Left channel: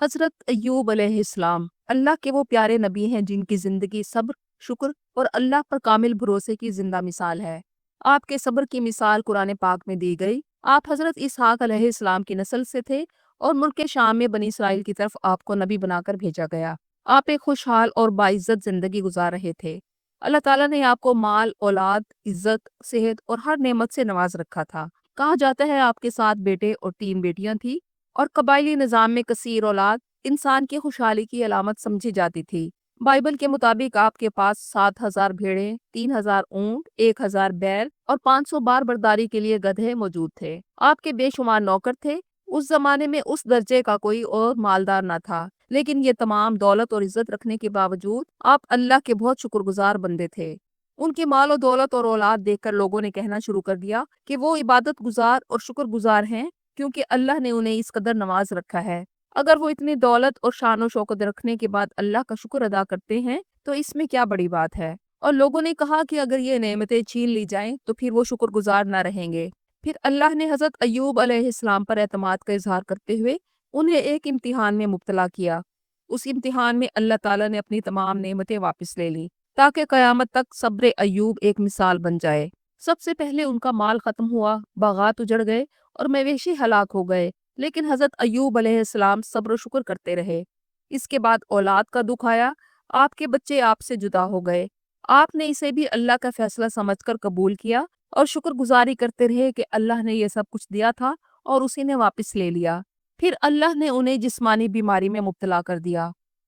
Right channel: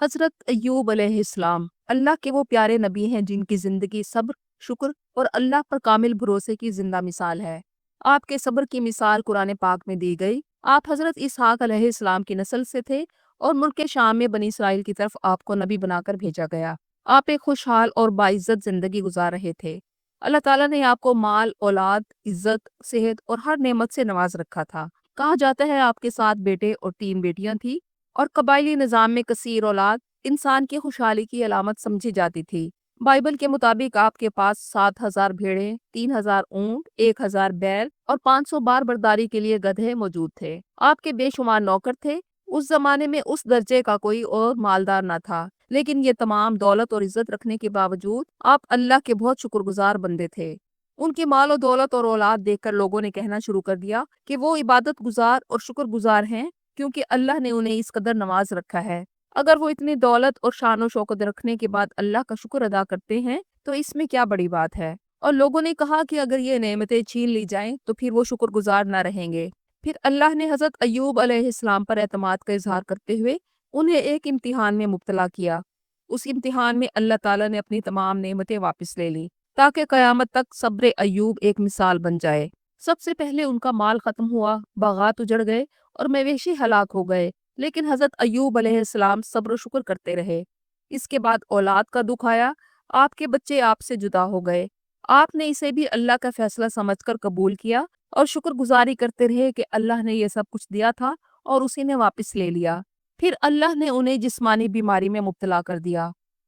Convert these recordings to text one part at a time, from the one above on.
हजरत अय्यूब अलैहिस्सलाम अल्लाह के वो प्यारे नबी हैं जिनकी जिंदगी सब्र, शुक्र और अल्लाह पर कामिल भरोसे की जिंदा मिसाल है। आपके सब्र की मिसाल कुरान पाक में दी गई। आप हजरत इसहाक अलैहिस्सलाम की नस्ल से थे और मुल्क शाम में बनी इसराइल की तरफ आपको नबी बनाकर भेजा गया। आप एक खुशहाल और बाइज्जत जिंदगी गुजार रहे थे। अल्लाह ताला ने आपको माल, औलाद, इज्जत, सेहत और हर नेमत से नवाज रखा था। कहा जाता है आपके 7 बेटे और 3 बेटियां थी और कबायली निजाम में कसीर औलाद इंसान की खुशहाली की अलामत समझी जाती थी। बाइबल के मुताबिक आपके पास 7,000 भेड़े, 3,000 ऊंट, 1,000 बैल और 500 बार बर्दारी के लिए गधे मौजूद थे। आपके बेशुमार नौकर थे। उस जमाने में उस दर्जे का कोई और मालदार न था। लेकिन ये तमाम दौलत और इज्जत रखने के बावजूद आप अल्लाह के बहुत शुक्रगुजार बंदे थे। उनकी माल और दौलत और औलाद देखकर लोगों ने कहना शुरू कर दिया कि वो इबादत गुजार और शुक्रगुजार हैं, क्योंकि अल्लाह ने उन्हें इस कदर नवाज रखा है। अगर वो इतनी दौलत और शान और शौकत रखने के बाद अल्लाह का शुक्र अदा करते हैं तो इसमें क्या बड़ी बात है। और लोगों ने कहा कि अगर ये नेमतें छीन ली जाएं तो फिर वो शुक्रगुजार ना रहेंगे। फिर अल्लाह ने हजरत अय्यूब अलैहिस्सलाम पर एतमाद का इजहार करते हुए उन्हें एक इम्तिहान में मुब्तला किया। उस इम्तिहान में अल्लाह ताला ने अपनी तमाम नेमतें वापस ले ली ताकि कयामत तक सब्र अय्यूब एक मिसाल बन जाए। सबसे पहले उनका माल खत्म हुआ, बागात उजड़ गए और मवेशी हलाक हो गए। लेकिन हजरत अय्यूब अलैहिस्सलाम सब्र शुक्र करते रहे। इसके बाद औलाद का दुख आया। आपके बच्चे आपसे जुदा हो गए। आपने इसे भी अल्लाह का फैसला समझकर कबूल किया और शुक्रगुजारी करते रहे कि अल्लाह ने ये सब कुछ दिया था और उसी ने वापस ले लिया। फिर अल्लाह ने उन्हें जिस्मानी बीमारी में मुब्तला कर दिया।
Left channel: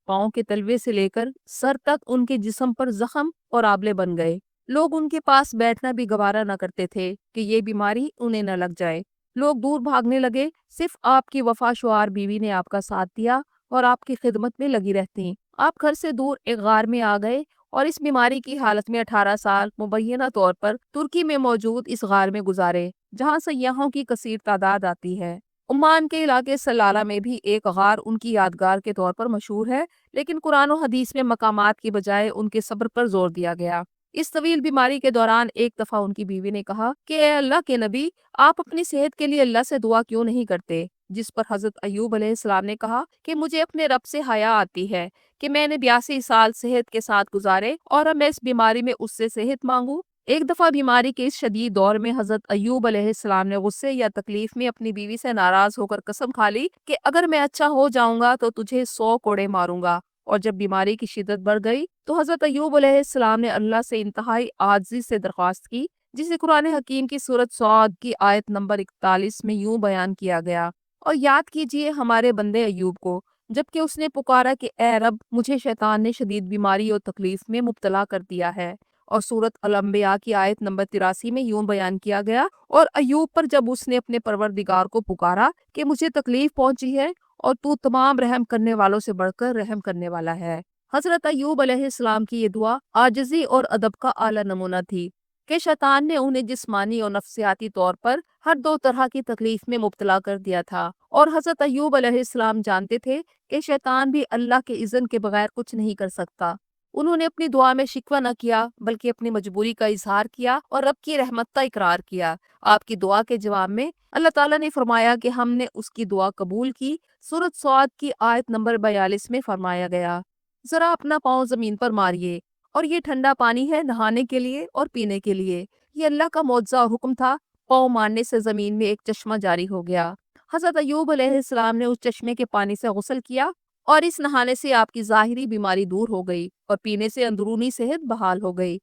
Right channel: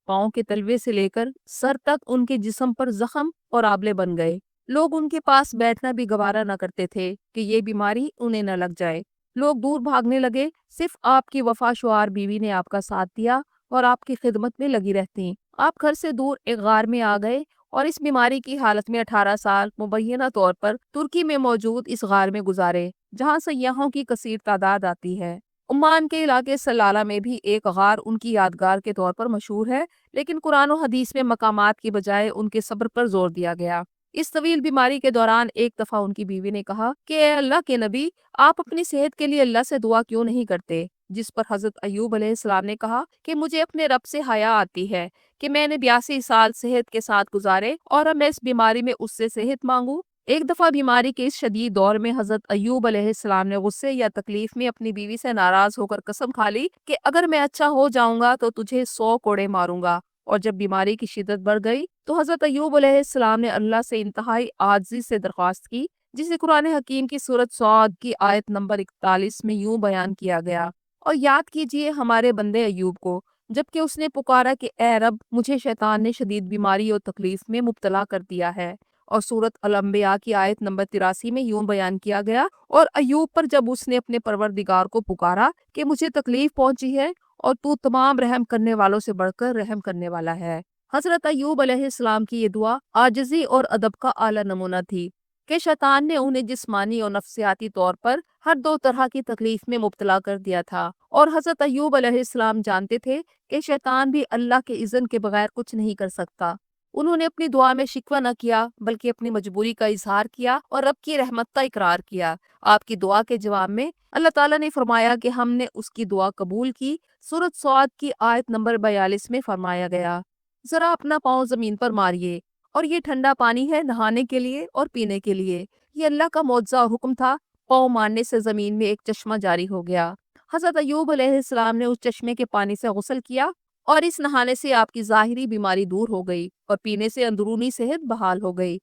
पाँव के तलवे से लेकर सर तक उनके जिस्म पर जख्म और आबले बन गए। लोग उनके पास बैठना भी गवारा न करते थे कि ये बीमारी उन्हें न लग जाए। लोग दूर भागने लगे। सिर्फ आपकी वफाशुआर बीवी ने आपका साथ दिया और आपकी खिदमत में लगी रहती। आप घर से दूर एक गार में आ गए और इस बीमारी की हालत में 18 साल मुबैना तौर पर तुर्की में मौजूद इस गार में गुजारे, जहाँ से यहाँ की कसीर तादाद आती है। ओमान के इलाके सलाला में भी एक गार उनकी यादगार के तौर पर मशहूर है, लेकिन कुरान और हदीस में मकामात की बजाय उनके सब्र पर जोर दिया गया। इस तवील बीमारी के दौरान एक दफा उनकी बीवी ने कहा कि ए अल्लाह के नबी, आप अपनी सेहत के लिए अल्लाह से दुआ क्यों नहीं करते। जिस पर हजरत अय्यूब अलैहिस्सलाम ने कहा कि मुझे अपने रब से हया आती है कि मैंने 82 साल सेहत के साथ गुजारे और अब मैं इस बीमारी में उससे सेहत मांगू। एक दफा बीमारी के इस शदीद दौर में हजरत अय्यूब अलैहिस्सलाम ने गुस्से या तकलीफ में अपनी बीवी से नाराज होकर कसम खा ली कि अगर मैं अच्छा हो जाऊंगा तो तुझे 100 कोड़े मारूंगा। और जब बीमारी की शिद्दत बढ़ गई तो हजरत अय्यूब अलैहिस्सलाम ने अल्लाह से इंतहाई आजिज़ी से दरख्वास्त की, जिसे कुरान हकीम की सूरत सौद की आयत नंबर 41 में यूं बयान किया गया। और याद कीजिए हमारे बंदे अय्यूब को, जबकि उसने पुकारा कि ए रब, मुझे शैतान ने शदीद बीमारी और तकलीफ में मुब्तला कर दिया है। और सूरत अल अंबिया की आयत नंबर 83 में यूं बयान किया गया, और अय्यूब पर जब उसने अपने परवरदिगार को पुकारा कि मुझे तकलीफ पहुंची है और तू तमाम रहम करने वालों से बढ़कर रहम करने वाला है। हजरत अय्यूब अलैहिस्सलाम की ये दुआ आजिज़ी और अदब का आला नमूना थी कि शैतान ने उन्हें जिस्मानी और नफ्सियाती तौर पर हर दो तरह की तकलीफ में मुब्तला कर दिया था। और हजरत अय्यूब अलैहिस्सलाम जानते थे कि शैतान भी अल्लाह के इज़्न के बगैर कुछ नहीं कर सकता। उन्होंने अपनी दुआ में शिकवा न किया, बल्कि अपनी मजबूरी का इजहार किया और रब की रहमत का इकरार किया। आपकी दुआ के जवाब में अल्लाह ताला ने फरमाया कि हमने उसकी दुआ कबूल की। सूरत सौद की आयत नंबर 42 में फरमाया गया, जरा अपना पाँव जमीन पर मारिए और ये ठंडा पानी है नहाने के लिए और पीने के लिए। ये अल्लाह का मौजज़ा और हुक्म था। पाँव मारने से जमीन में एक चश्मा जारी हो गया। हजरत अय्यूब अलैहिस्सलाम ने उस चश्मे के पानी से गुस्ल किया और इस नहाने से आपकी जाहिरी बीमारी दूर हो गई और पीने से अंदरूनी सेहत बहाल हो गई।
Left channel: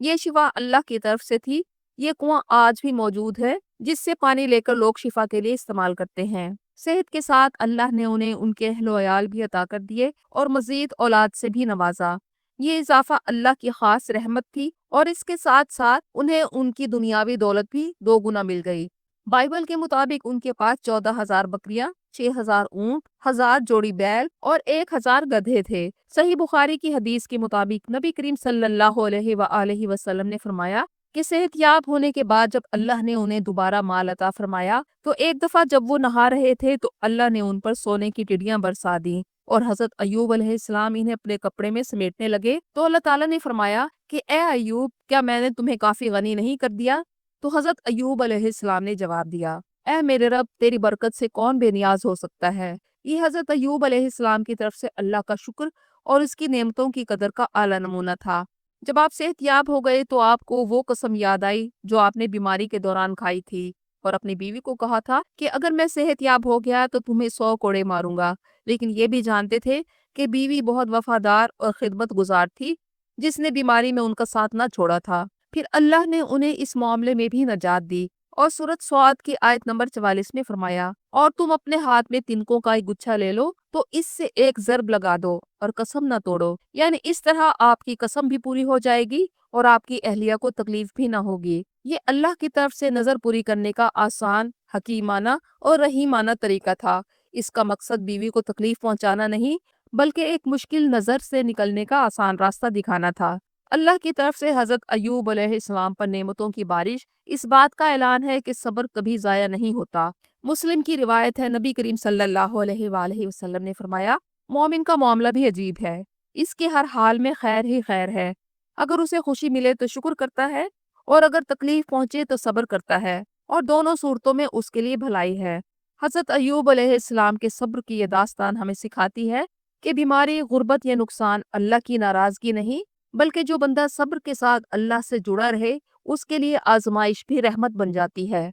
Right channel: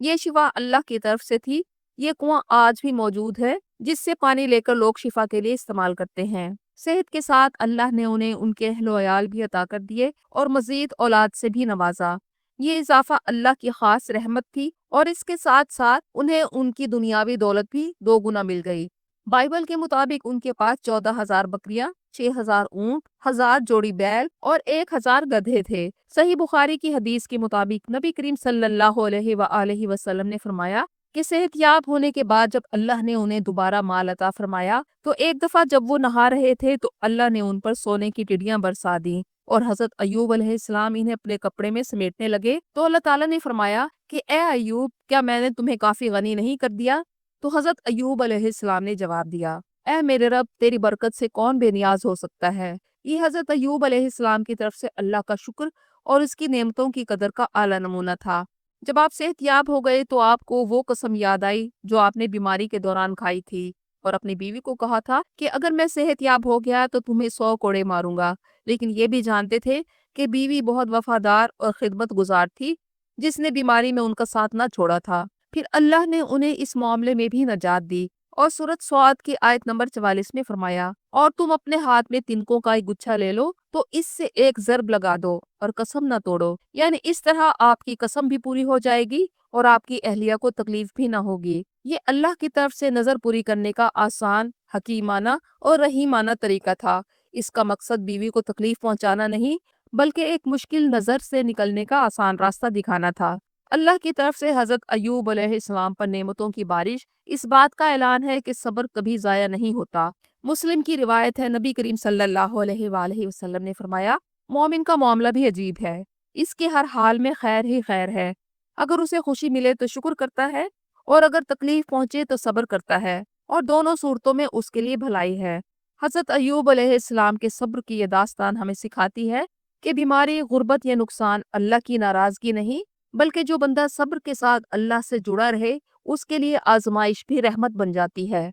ये शिफा अल्लाह की तरफ से थी। ये कुआं आज भी मौजूद है, जिससे पानी लेकर लोग शिफा के लिए इस्तेमाल करते हैं। सेहत के साथ अल्लाह ने उन्हें उनके अहलो अयाल भी अता कर दिए और मजीद औलाद से भी नवाजा। ये इजाफा अल्लाह की खास रहमत थी और इसके साथ साथ उन्हें उनकी दुनियावी दौलत भी 2 गुना मिल गई। बाइबल के मुताबिक उनके पास 14,000 बकरियां, 6,000 ऊंट, 1,000 जोड़ी बैल और 1,000 गधे थे। सही बुखारी की हदीस के मुताबिक नबी करीम सल्लल्लाहु अलैहि वसल्लम ने फरमाया कि सेहतयाब होने के बाद जब अल्लाह ने उन्हें दोबारा माल अता फरमाया तो एक दफा जब वो नहा रहे थे तो अल्लाह ने उन पर सोने की चिड़ियां बरसा दी और हजरत अय्यूब अलैहिस्सलाम इन्हें अपने कपड़े में समेटने लगे तो अल्लाह ताला ने फरमाया कि ए अय्यूब, क्या मैंने तुम्हें काफी गनी नहीं कर दिया। तो हजरत अय्यूब अलैहिस्सलाम ने जवाब दिया, اے میرے رب تیری برکت سے کون بے نیاز ہو سکتا ہے۔ یہ حضرت ایوب علیہ السلام کی طرف سے اللہ کا شکر اور اس کی نعمتوں کی قدر کا اعلیٰ نمونہ تھا۔ جب آپ صحت یاب ہو گئے تو آپ کو وہ قسم یاد آئی جو آپ نے بیماری کے دوران کھائی تھی اور اپنی بیوی کو کہا تھا کہ اگر میں صحت یاب ہو گیا تو تمہیں 100 کوڑے ماروں گا، لیکن یہ بھی جانتے تھے کہ بیوی بہت وفادار اور خدمت گزار تھی جس نے بیماری میں ان کا ساتھ نہ چھوڑا تھا۔ پھر اللہ نے انہیں اس معاملے میں بھی نجات دی اور سورۃ سعد کی آیت نمبر 44 میں فرمایا، اور تم اپنے ہاتھ میں تنکوں کا ایک گچھا لے لو تو اس سے ایک ضرب لگا دو اور قسم نہ توڑو، یعنی اس طرح آپ کی قسم بھی پوری ہو جائے گی اور آپ کی اہلیہ کو تکلیف بھی نہ ہوگی۔ یہ اللہ کی طرف سے نظر پوری کرنے کا آسان، حکیمانہ اور رحیمانہ طریقہ تھا۔ اس کا مقصد بیوی کو تکلیف پہنچانا نہیں بلکہ ایک مشکل نظر سے نکلنے کا آسان راستہ دکھانا تھا۔ اللہ کی طرف سے حضرت ایوب علیہ السلام پر نعمتوں کی بارش اس بات کا اعلان ہے کہ صبر کبھی ضائع نہیں ہوتا۔ مسلم کی روایت ہے، نبی کریم صلی اللہ علیہ وآلہ وسلم نے فرمایا، مومن کا معاملہ بھی عجیب ہے، اس کے ہر حال میں خیر ہی خیر ہے۔ اگر اسے خوشی ملے تو شکر کرتا ہے اور اگر تکلیف پہنچے تو صبر کرتا ہے، اور دونوں صورتوں میں اس کے لیے بھلائی ہے۔ حضرت ایوب علیہ السلام کے صبر کی یہ داستان ہمیں سکھاتی ہے کہ بیماری، غربت یا نقصان اللہ کی ناراضگی نہیں بلکہ جو بندہ صبر کے ساتھ اللہ سے جڑا رہے اس کے لیے آزمائش بھی رحمت بن جاتی ہے۔